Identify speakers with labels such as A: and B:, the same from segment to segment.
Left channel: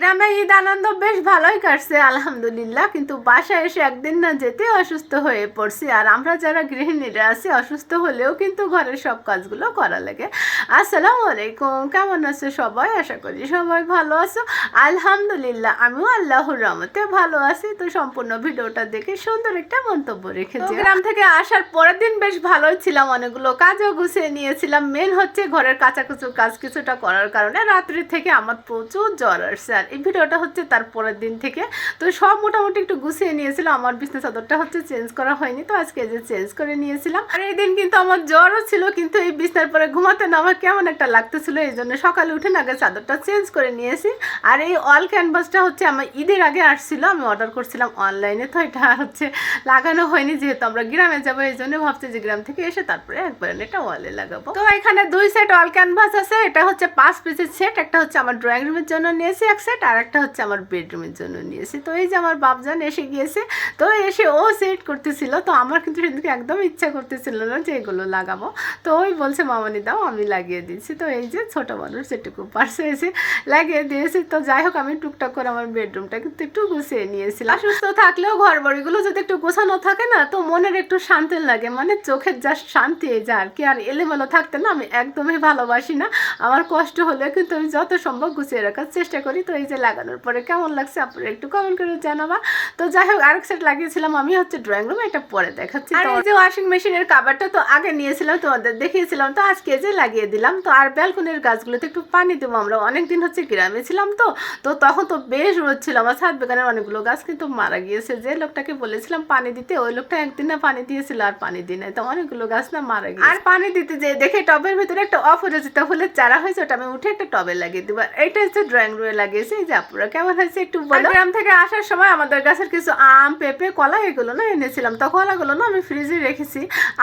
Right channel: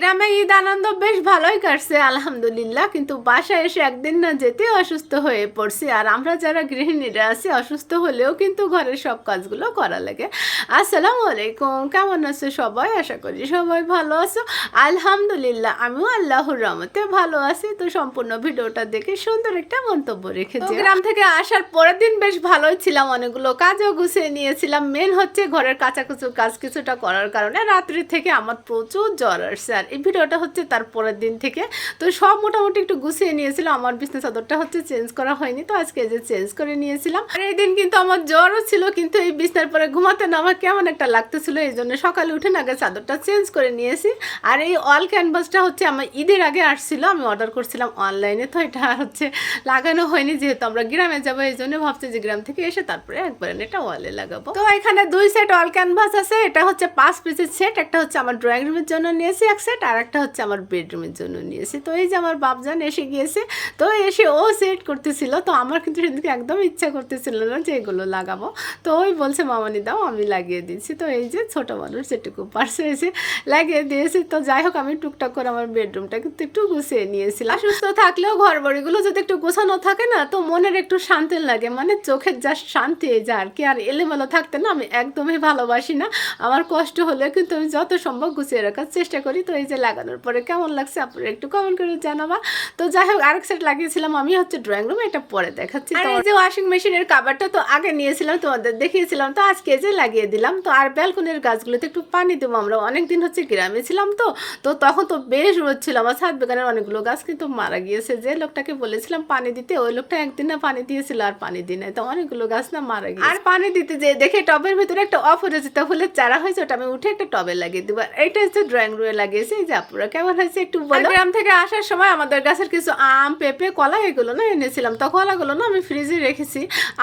A: গ্রামে ঈদ আনন্দ বেশ ভালোই কাটছে আলহামদুলিল্লাহ। কিন্তু বাসায় এসে একদিন না যেতে অসুস্থ হয়ে পড়ছি। আর আমরা যারা গৃহিণীরা আছি অসুস্থ হলেও কিন্তু ঘরের সব কাজগুলো করা লাগে। আসসালামু আলাইকুম কেমন আছো সবাই? আশা করি সবাই ভালো আছো। আলহামদুলিল্লাহ আমিও আল্লাহর রহমতে ভালো আছি। তো সম্পূর্ণ ভিডিওটা দেখে সুন্দর একটা মন্তব্য রেখেছি গ্রাম থেকে আসার পরের দিন বেশ ভালোই ছিলাম অনেকগুলো কাজও গুছিয়ে নিয়েছিলাম। মেন হচ্ছে ঘরের কাঁচাকুচু কাজ কিছুটা করার কারণে রাত্রি থেকে আমার প্রচুর জ্বর আসছে। আর এই ভিডিওটা হচ্ছে তার পরের দিন থেকে। তো সব মোটামুটি একটু গুছিয়ে নিয়েছিলাম আমার বিছনা চাদরটা হচ্ছে চেঞ্জ করা হয়নি। তো আজকে যে চেঞ্জ করে নিয়েছিলাম, আর এই দিন কিন্তু আমার জ্বরও ছিল, কিন্তু এই বিছনার পরে ঘুমাতে না আমার কেমন একটা লাগতেছিল, এই জন্য সকালে উঠে আগে চাদরটা চেঞ্জ করে নিয়েছি। আর এই অল ক্যানভাসটা হচ্ছে আমার ঈদের আগে আসছিল, আমি অর্ডার করছিলাম অনলাইনে তো এটা হচ্ছে লাগানো হয়নি, যেহেতু আমরা গ্রামে যাব, এই জন্য ভাবছি যে গ্রাম থেকে এসে তারপরে একবারে এটা ওয়ালে লাগাবো। তো এখানে দুই সেট অল ক্যানভাস আছে। এটা হচ্ছে পাঁচ পিসের সেট একটা হচ্ছে আমার ড্রয়িং রুমের জন্য নিয়েছি, এক সেট আর একটা হচ্ছে আমার বেডরুমের জন্য নিয়েছি। তো এই যে আমার বাপজান এসে গিয়েছে, তো এসে ও সেট করতেছিল। তো আমার কিন্তু সেদিকে একদম ইচ্ছা করতেছিল না যে এগুলো লাগাবো। তো ওই বলছে, মামানি দাও, আমি লাগিয়ে দিচ্ছি তো এই যে ছোটো মানুষ যেটুকু পারছে এসে লাগিয়ে দিয়েছি। তো যাই হোক, আমি টুকটাক করে আমার বেডরুমটা কিন্তু একটু গুছিয়ে নিয়েছিলাম। সুস্থ থাকলেও ঘর বাড়িগুলো যদি একটু গোছানো থাকে না, তো মনের একটু শান্তি লাগে। মানে চোখের যা শান্তি যা আর কি, আর এলোমেলো থাকতে না আমি একদমই ভালোবাসি না। আমার কষ্ট হলে কিন্তু আমি যত সম্ভব গুছিয়ে রাখার চেষ্টা করি। তো এই যে লাগানোর পরে কেমন লাগছে আপনারা একটু কমেন্ট করে জানাবা। তো যাই হোক আরেক সেট লাগিয়েছিলাম আমি হচ্ছে ড্রয়িং রুমে এটা পরে দেখাচ্ছি। আর এই যে ওয়াশিং মেশিনের কাবারটা তো আগে নিয়েছিলাম তোমাদের দেখিয়েছিলাম তো আজকে যে লাগিয়ে দিলাম তো আর ব্যালকনির গাছগুলোতে একটু পানি দেবো আমরা অনেকদিন হচ্ছে গ্রামে ছিলাম তো তো তখন তো বেশ রোদ ছিল। আমার ছাদ বেগানের অনেকগুলো গাছ কিন্তু মারা গিয়েছে যে লোকটাকে বলেছিলাম পানি দিতে ওই লোকটা একদিন না পানি দিয়েছিল আর পানি দিই নাই তো অনেকগুলো গাছ না মারা গিয়েছে। আর পানি দিতে যে দেখে টবের ভিতরে একটা অপরাজিত ফুলের চারা হয়েছে ওটা আমি উঠে একটা টবে লাগিয়ে দেবো। এইটা হচ্ছে ড্রয়িং রুমে লাগিয়েছি যে আপুরা কেমন হয়েছে একটু বলো? গ্রাম থেকে আসার সময় আমাদের গাছের কিছু আম পেঁপে কলা এগুলো না এনেছিলাম। তো কলাগুলো না আমি ফ্রিজে রেখেছি।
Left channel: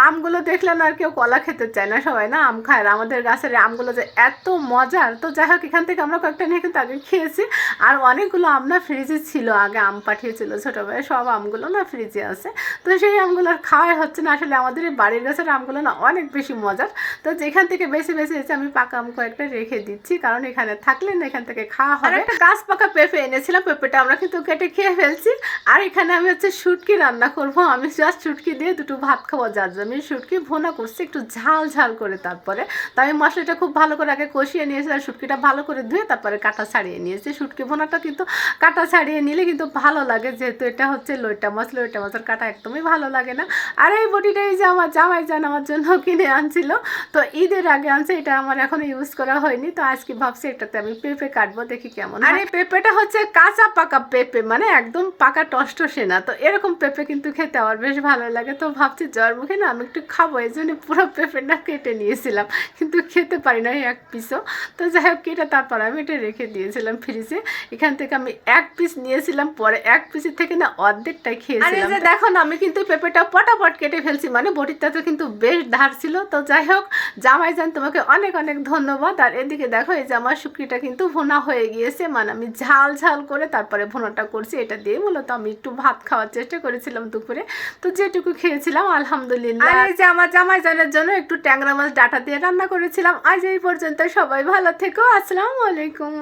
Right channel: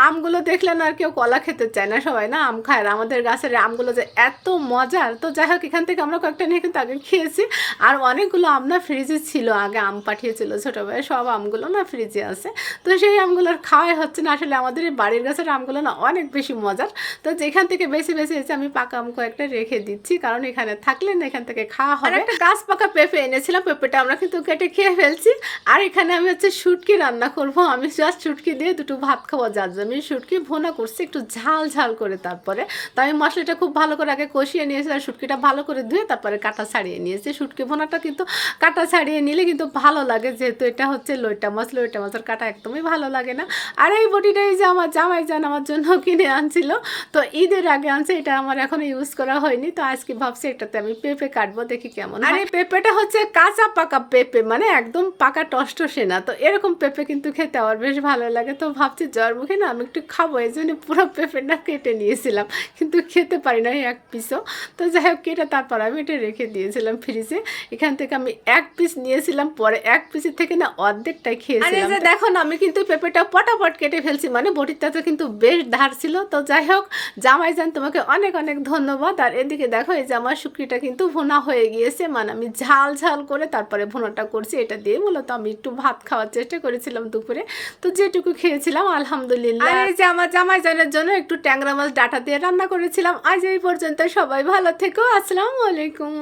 A: আমগুলো দেখলে না আর কেউ কলা খেতে চায় না সবাই না আম খায়। আমাদের গাছের আমগুলো যে এত মজার। তো যাই হোক এখান থেকে আমরা কয়েকটা নিয়ে কিন্তু আগে খেয়েছি। আর অনেকগুলো আম না ফ্রিজে ছিল আগে আম পাঠিয়েছিল ছোটোবেলায়। সব আমগুলো না ফ্রিজে আছে। তো সেই আমগুলো আর খাওয়াই হচ্ছে না। আসলে আমাদের বাড়ির গাছের আমগুলো না অনেক বেশি মজার। তো যেখান থেকে বেশি বেশি এসে আমি পাকা আম কয়েকটা রেখে দিচ্ছি। কারণ এখানে থাকলে না এখান থেকে খাওয়া হবে। গাছ পাকা পেঁপে এনেছিলাম, পেঁপেটা আমরা কিন্তু কেটে খেয়ে ফেলছি। আর এখানে আমি হচ্ছে শুটকি রান্না করব। আমি জাস্ট শুটকি দিয়ে দুটো ভাত খাব, যার জন্য আমি শুটকি ভোনা করছি, একটু ঝাল ঝাল করে তারপরে। তো আমি মশলাটা খুব ভালো করে আগে কষিয়ে নিয়েছি আর শুটকিটা ভালো করে ধুয়ে তারপরে কাটা ছাড়িয়ে নিয়েছি। শুটকি ভোনাটা কিন্তু কাটা ছাড়িয়ে নিলে কিন্তু ভালো লাগে, যেহেতু এটা হচ্ছে লইটা মাছ, লইটা মাছের কাটা একদমই ভালো লাগে না। আর এই বটিটাই যে আমার জামাই যান আমার জন্য কিনে আনছিল, তো ঈদের আগে আনছে, এটা আমার এখনও ইউজ করা হয়নি। তো আজকে ভাবছি এটাতে আমি পেঁপে কাটবো, দেখি কেমন আর এই পেঁপেটা হচ্ছে কাঁচা পাকা পেঁপে মানে একদম পাকা টসটসে না তো এরকম পেঁপে কিন্তু খেতে আমার বেশ ভালো লাগে। তো ভাবছি জ্বর মুখে না আমি একটু খাব এই জন্য পুরো পেঁপেটা কেটে নিয়েছিলাম কিন্তু খেতে পারি না এক পিসও। তো যাই হোক কেটে তারপর আমি এটা রেখে দিয়েছিলাম ফ্রিজে এখান থেকে আমি এক পিস নিয়েছিলাম পরে এক পিসের থেকে না অর্ধেকটাই খেয়েছিলাম। আর দেখো না আমি কিন্তু পেঁপেটা পটাপট কেটে ফেলছি মানে বটিটাতে কিন্তু বেশ ধার ছিল। তো যাই হোক জামাই যান তোমাকে অনেক অনেক ধন্যবাদ। আর এদিকে দেখো এই যে আমার শুকরিটা কিন্তু ভোনা হয়ে গিয়েছে মানে আমি ঝাল ঝাল করে তারপরে ভোনাটা করছি, এটা দিয়ে মূলত আমি একটু ভাত খাওয়ার চেষ্টা করেছিলাম দুপুরে। তো যেটুকু খেয়েছিলাম, আলহামদুলিল্লাহ। এই যে আমার জামাই জানার জন্য একটু ট্যাংরা মাছ ডাটা দিয়ে রান্না করেছিলাম। আজ এই পর্যন্ত সবাই ভালো থেকো। আসসালামু আলাইকুম।